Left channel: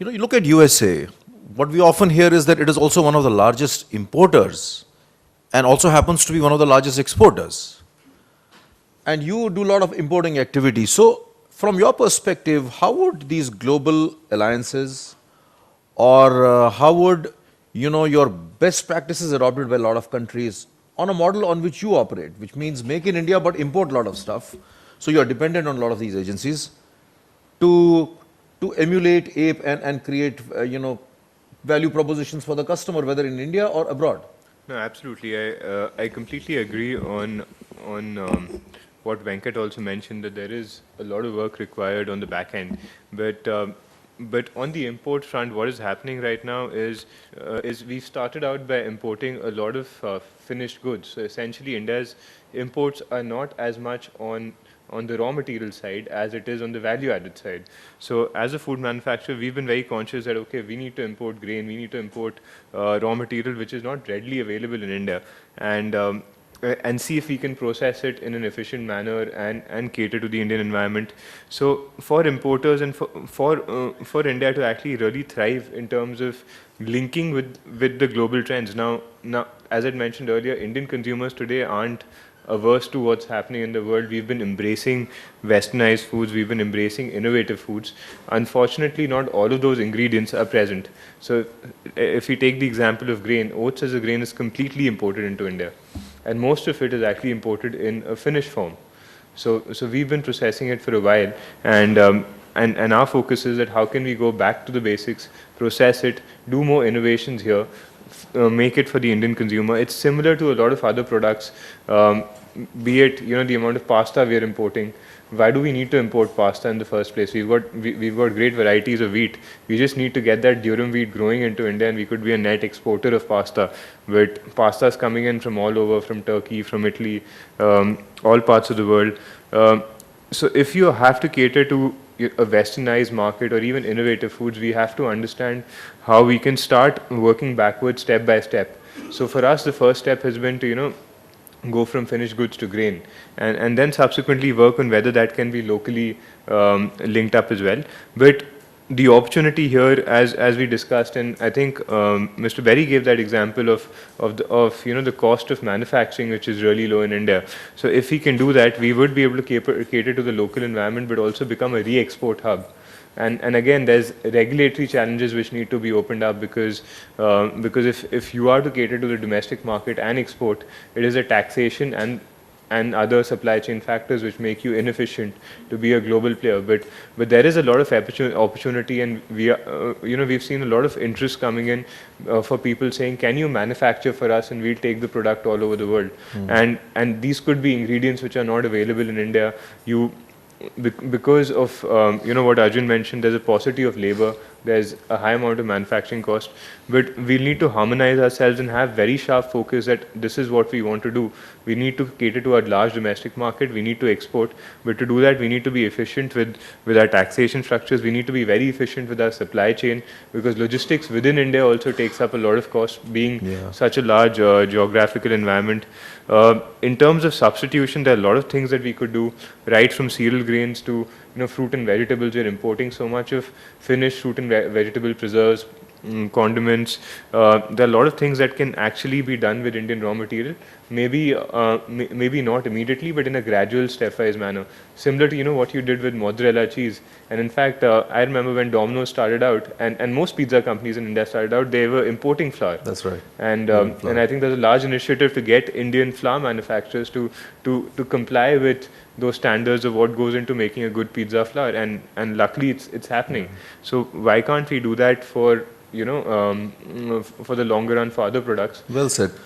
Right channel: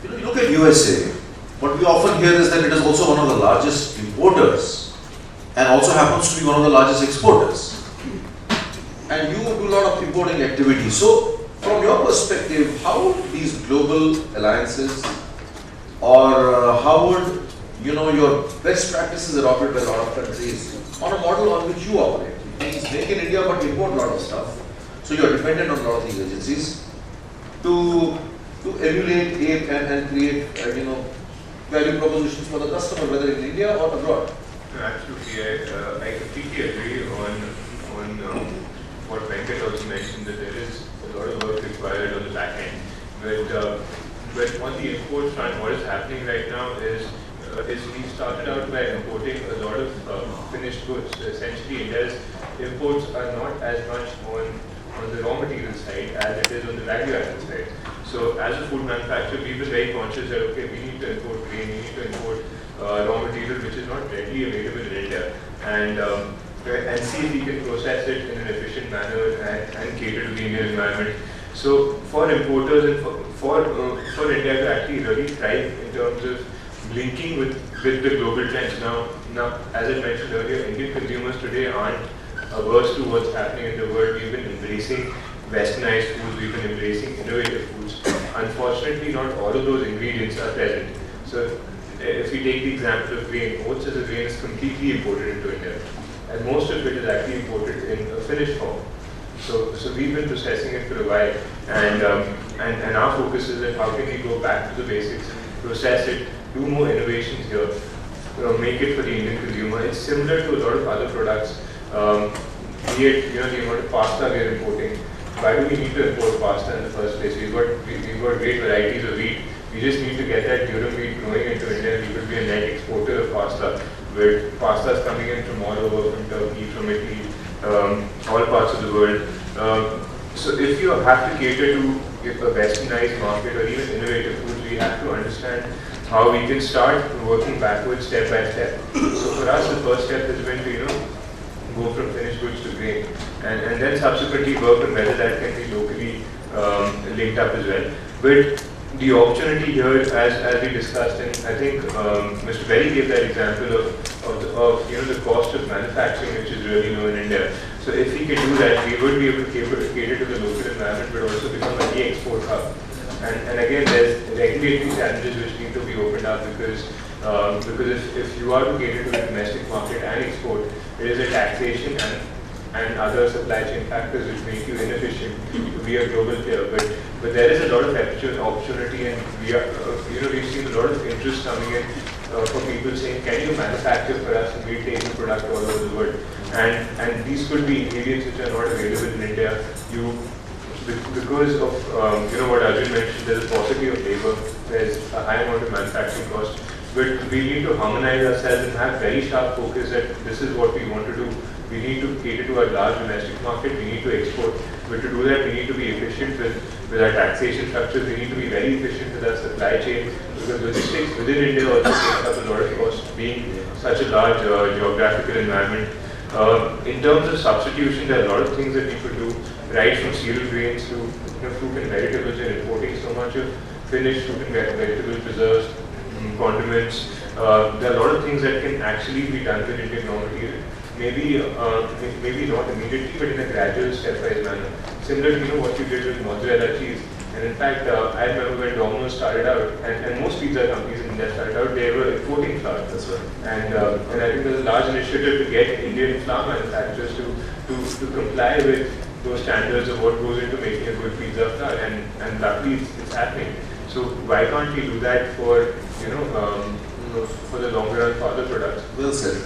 You look at USA, what we often hear is that it is also one of the largest importers and also happens to be one of the largest exporters. And you do a lot of importing activity. So, from your perspective, how would these global alliances or how would your best practices adopted by a lot of countries on a model on which you operate, which means make in India but import a lot of stuff. So you are dependent on a lot of these agencies to emulate, ape and create value propositions for the customer, whether in India or abroad. No, absolutely. I completely agree on what Venkat also mentioned, that there is a lot of work required on the back end. But on the import front, what is happening right now is we started out by importing a lot of finished goods. So essentially, India's imports are not as much on the raw material side as it is on the value added side. So as a food manufacturer, we've been very conscious that okay, we need to import grain, we need to import raw material which is not readily available in India, and see if we can process it in an efficient manner and cater to the Indian environment. So for importers and for India to actually really thrive in terms of linking with the global trends. Now, as I mentioned earlier, Indian consumers today aren't averse to what's happening in the world. We've been embracing westernized foods, we've been embracing innovative foods. Unfortunately, not all of those ingredients are present. So if we take the example of grain, oats as a grain is completely imported into India, and most of it is actually imported in a finished form. So we've been processing it for a while, and our focus is that how can we go back to the basics, process it, do more innovations here, make it for the Indian consumer. It's similar to a lot of other products, be it the amount of pasta we are importing. Why do we need to import pasta in the first place? We've got great varieties of wheat. We just need to get that durum wheat growing into India, and we could be a net exporter of pasta. With pastas coming in from all over, from Turkey, from Italy, all parts of the world. So if you have to cater to a westernized market or even innovative foods, we have to understand how we can start working backwards step by step. So for us, the first step has been to go from finished goods to grain, and then subsequently work on whether that can be locally linked up as well. But the opportunity here, as we discussed, and I think Mr. Berry gave that example of the cost of manufacturing, which is really low in India. So if we can do that, we would be able to cater to the local environment, but also become a re-export hub. And again, there's regulatory challenges which need to be opened up, because if you are to cater to the domestic market and export, it is a taxation and other supply chain factors which make you inefficient to be a global player. But there is a lot of opportunity, and we've seen a lot of interest coming in for people saying, can you manufacture for us, and we take the product all over the world. And these could be ingredients which are not available in India. Because of what Arjun mentioned, there's a paucity of labor, there's a high amount of manufacturing cost, but we need to harmonize ourselves and have very sharp focus that this is what we want to do. We need to cater to our large domestic market, we need to export, but to do that we need to be efficient with our taxation structures, we need to be very efficient with our supply chain, because logistics within India also takes up a lot of cost, being such a large geographical environment. In terms of substitution, there are a lot of things that we could do, right from cereal grains to fruit and vegetables. You're importing so much of finished fruit and vegetable preserves, condiments. There are a lot of things that can actually be done with Indian raw material. Maybe not immediately, but in a gradual stepwise manner. Similar to what you did with mozzarella cheese. And in fact, I remember when Domino's started out, and most pizza companies in India started out, they were importing flour. That's right. And I think there's a large initiative to get Indian flour manufacturers to comply with those standards of what goes into making a good pizza flour, and luckily it's happening. So why can't we do that for the longer run for other products? Well said.